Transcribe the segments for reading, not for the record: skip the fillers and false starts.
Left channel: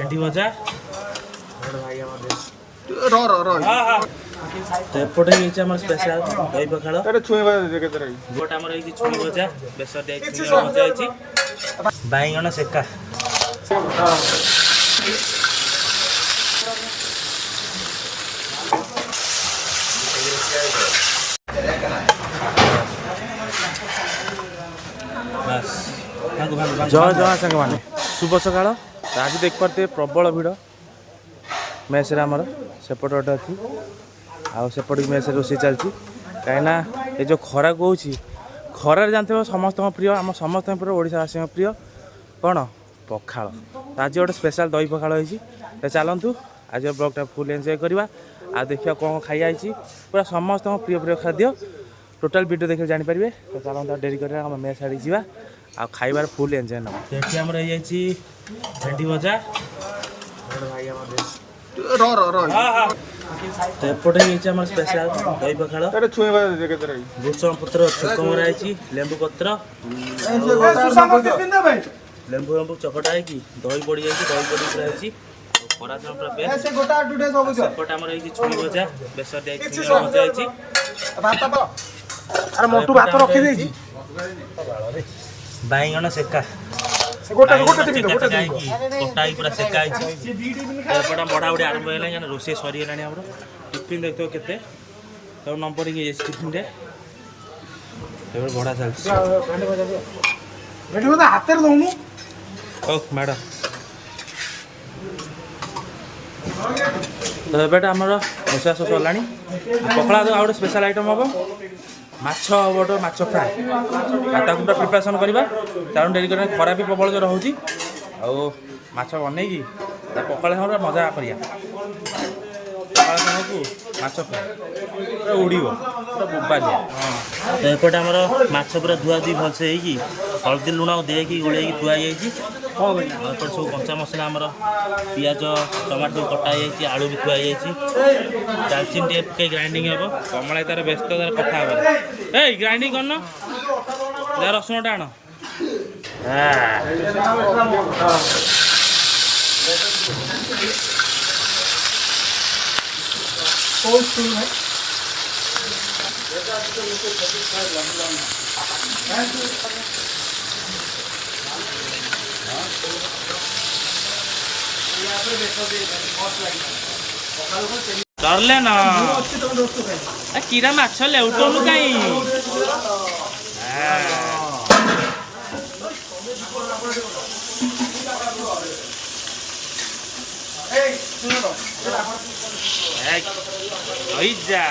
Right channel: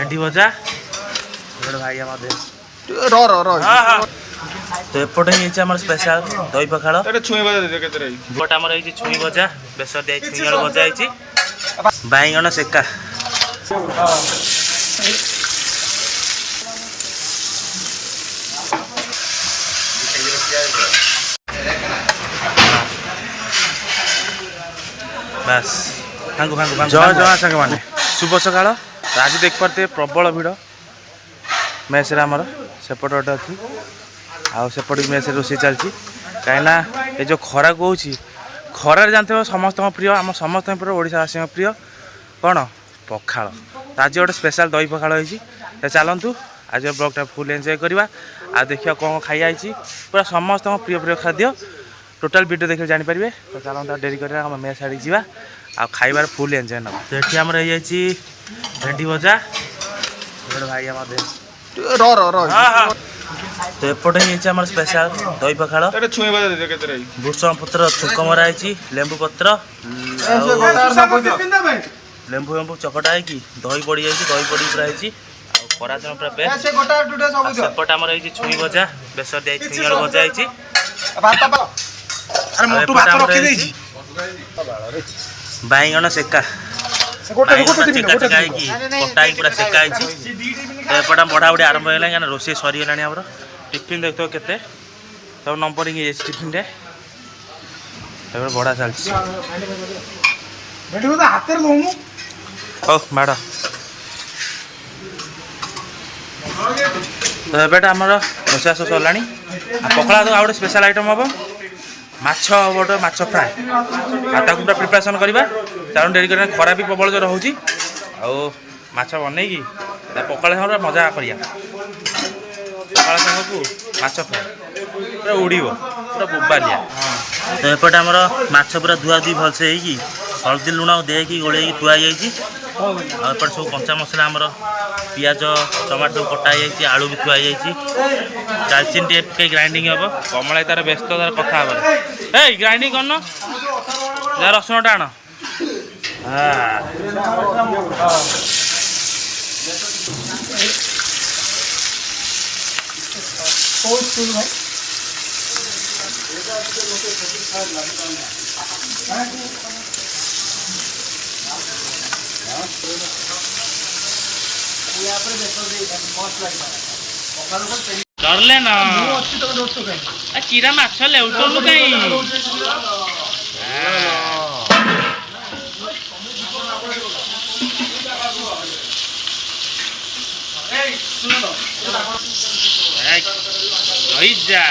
भेंडी भजा भाई आम तो एपटे आम स्पेशल दही पखाड़ बट आम छुई भजा बेसर दिया छुई आलू भजा बैगण सेका बस जय जय सांग मैंने शुभ सका आज देख पारे प्रबल भिड़ मेस आमर सेपट गोटे अच्छी आउट मेस रोषे चलती कहीं ये जो खरा को खरार जानते हो समस्त प्रिय आम समस्त प्रिय ओडावासी प्रिय कौन पखाड़ आज गोटे स्पेशल दही पखाड़ होती चलतु आज ब्लॉगटा फुल एंजॉय करवा आ देखिए कौन खाई पूरा समस्त प्रिय प्रिय खाद्य टोटाल वीडियो देखिए जानीपारे तो चलता डेरी कर मेस आड़ी जा आ खाइबार फुल एंजॉय ना तो ये आमर हो भेंडी भजा भाई आम तो एपटे आम स्पेशल दही पखाड़ भूषण पत्र छुक मराई लेंबू पत्र लेंबू लेंबू चकटा है दही पड़ी जाए दही पड़ी पूरा खरा दिन पूरा बेस्ट सेपट आम छुई भजा बेसर दिया छुई आलू भजा बैगण सेका बैगण चेका चेका कटा पूरा सेका तो एपटा बढ़ा बढ़ी आरंभ है क्या रोषे सरीगला आम टिफिन देखते के सब नंबरिंग टिफिन बढ़ा चलती हो मैड तो एबेटा आमर रोषा सब सरला पकड़ा तो आउट स्पेशल आइटम हम माछ गोटे माछ फ्राए पूरा प्रिपरेसन करवा चारण डेरी कर खरा भी प्रबल जो रोचे आछ बन पकाड़ सागर मजा करिया पकाड़ साग को माछ फ्राए पूरा उड़ पूरा बोबालिया तो एपटे आमर माछ पूरा धुआ धुई भलसे हल्दी लुण देकी गोल थुआई एपटे सब कंचा मसला आमर पियाज टमाटो सब कटा आलू भी थुआई दालचीनी टे ग्राइंडिंग हम कमला तार व्यस्त तार कथा ए ग्राइंडिंग करन जा रसुण टाण डरले न किरा माछ लेउटनु कहीं जा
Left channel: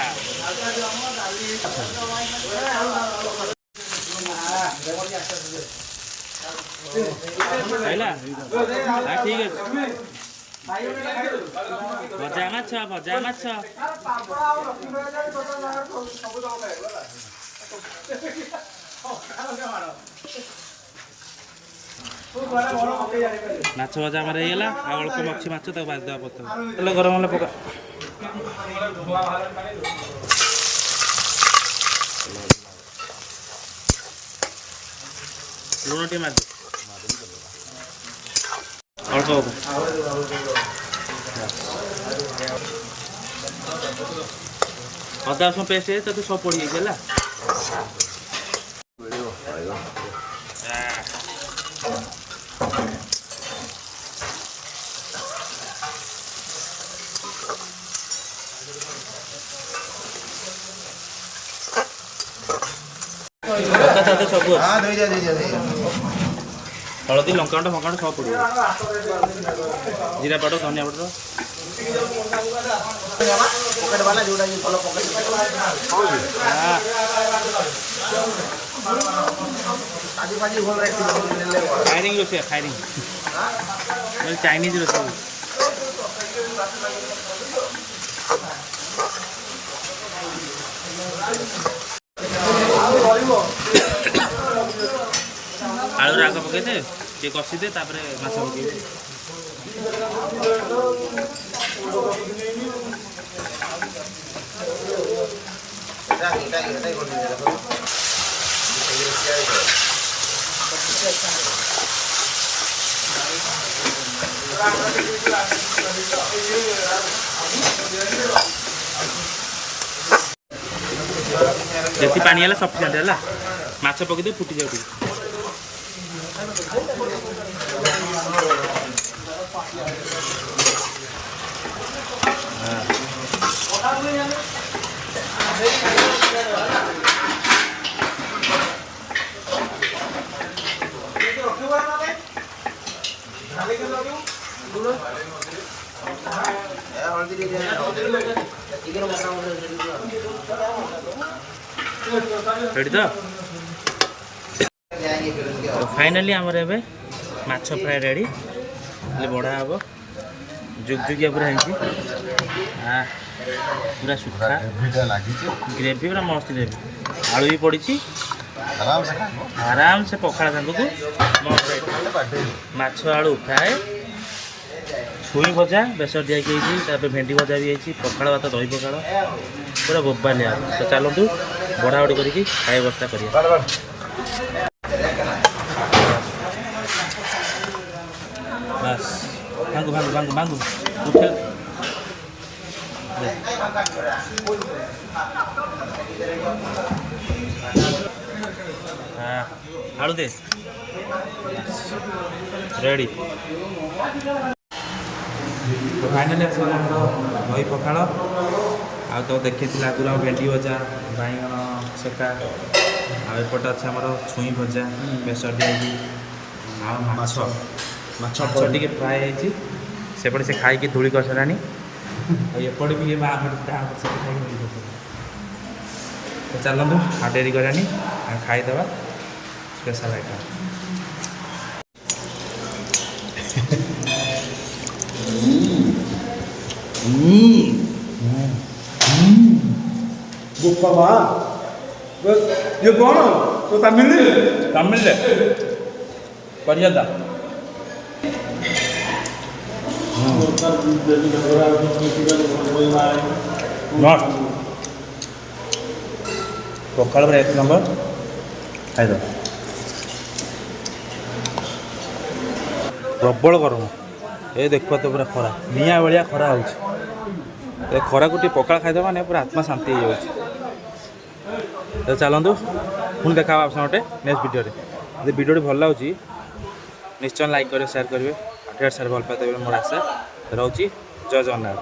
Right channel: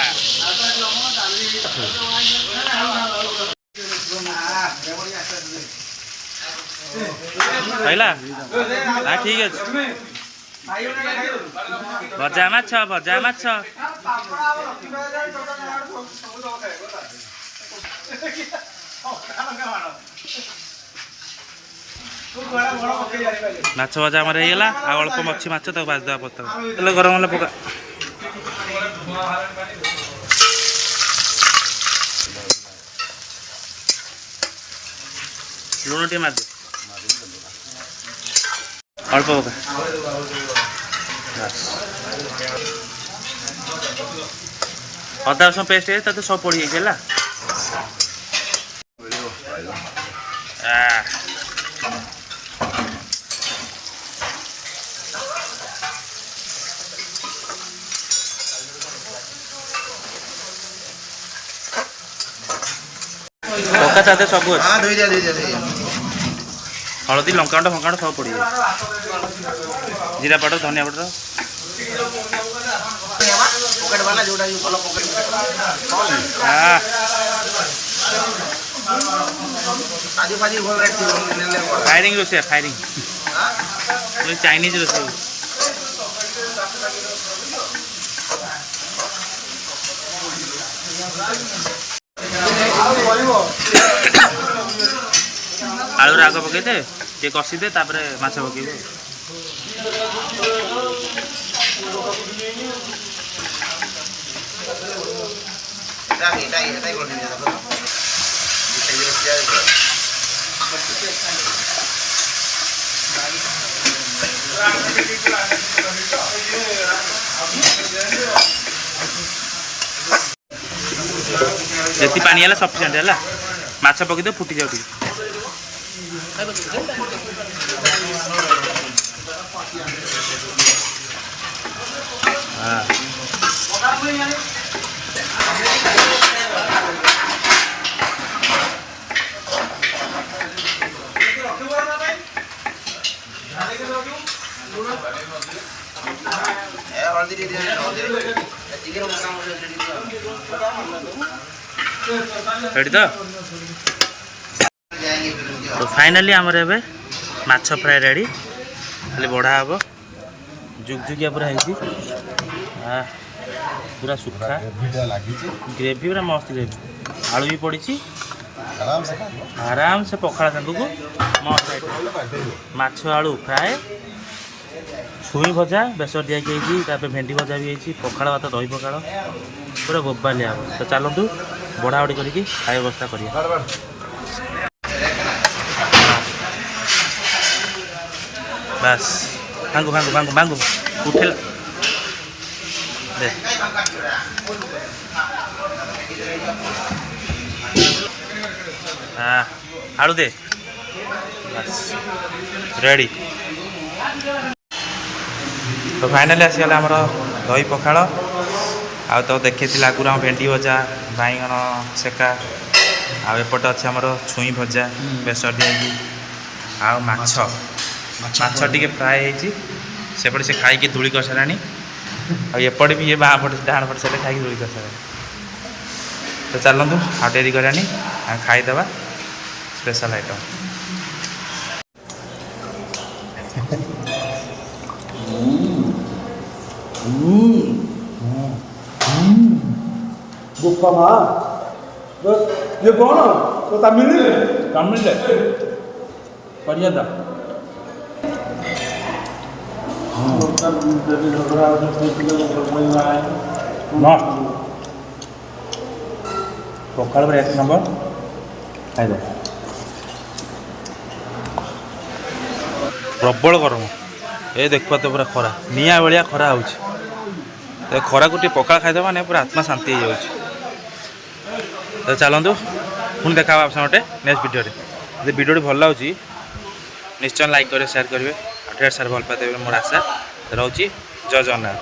ठीक है भजा माछ भजा माछ माछ भजा आम होगा अल्प मच्छी माछ तक बाजदा पत्ता तेल गरम होगा पका लुण टे मार अल्प पका अदा रसुण पेस्ट है तो सब पड़ जाए पका चाहते सब हलदी लंकाउंड फंकाउंड सब पड़ जाए जीरा पाउडर धनिया पाउडर फायरिंग रोसे फायरिंग चाइनीज रोसे आलू राग पकई दे टे कषी दे तापर माछ पकेब ଯେତିକି ପାଣି ହେଲା ସଫିସିଏଣ୍ଟ ହେଲା ମାଛ ପକେଇଦେବ ଫୁଟି ଯାଉ ଟିକେ ରେडी तो फाइनाली आमर ए माछ फ्राए रेडी खाली बढ़ा हम जुगजुगिया पूरा है पूरा सुखा ग्रेवी पूरा मस्त ग्रेवी आलू भी पड़ी आराम से पखाड़ सांग को मस्त माछ आलू फ्राए छुई भजा बेसर दिया भेंडी भजा भी है पखाड़ भात दही पखाड़ पूरा बोबालिया तो चलतु बढ़ा बढ़ी करके खाए व्यवस्था करिए बस भांगू भांगू भांगू भांगू उठेल दे हाँ आलू दे बस रेडी तो फाइनाली आसीगला आमर दही पखाड़ आ तो देखी आगुरी भेंडी भजा बैगन सेका आउट अच्छे आमर छुई भजा बेसर दिया माछ टी फ्राए सेपटे से खाई धूली कर सारा आएपटे भी ये बाँ पटे डाण पटे से खाई धूली कर सारा तो चलतु हाँ डेरी करानी खाईदे स्पेशल आइटम बुक्का माँ ये कौन तो तमिल तमिल बढ़िया था पखाड़ पर एक नंबर खाईद प्रबल गरम ये देख तो पूरा खरा निआ भाया खरा हो खरा को पखाड़ खाईदे मैंने पूरा आत्मा शांति हो जाए तो चलतु पुणी देखा आप गोटे नेक्स्ट वीडियो यदि वीडियो भल लगे निश्चय लाइक करेंगे शेयर करेंगे ढेर सारे भल पाते मोर आशा रोचे जय जगन्नाथ।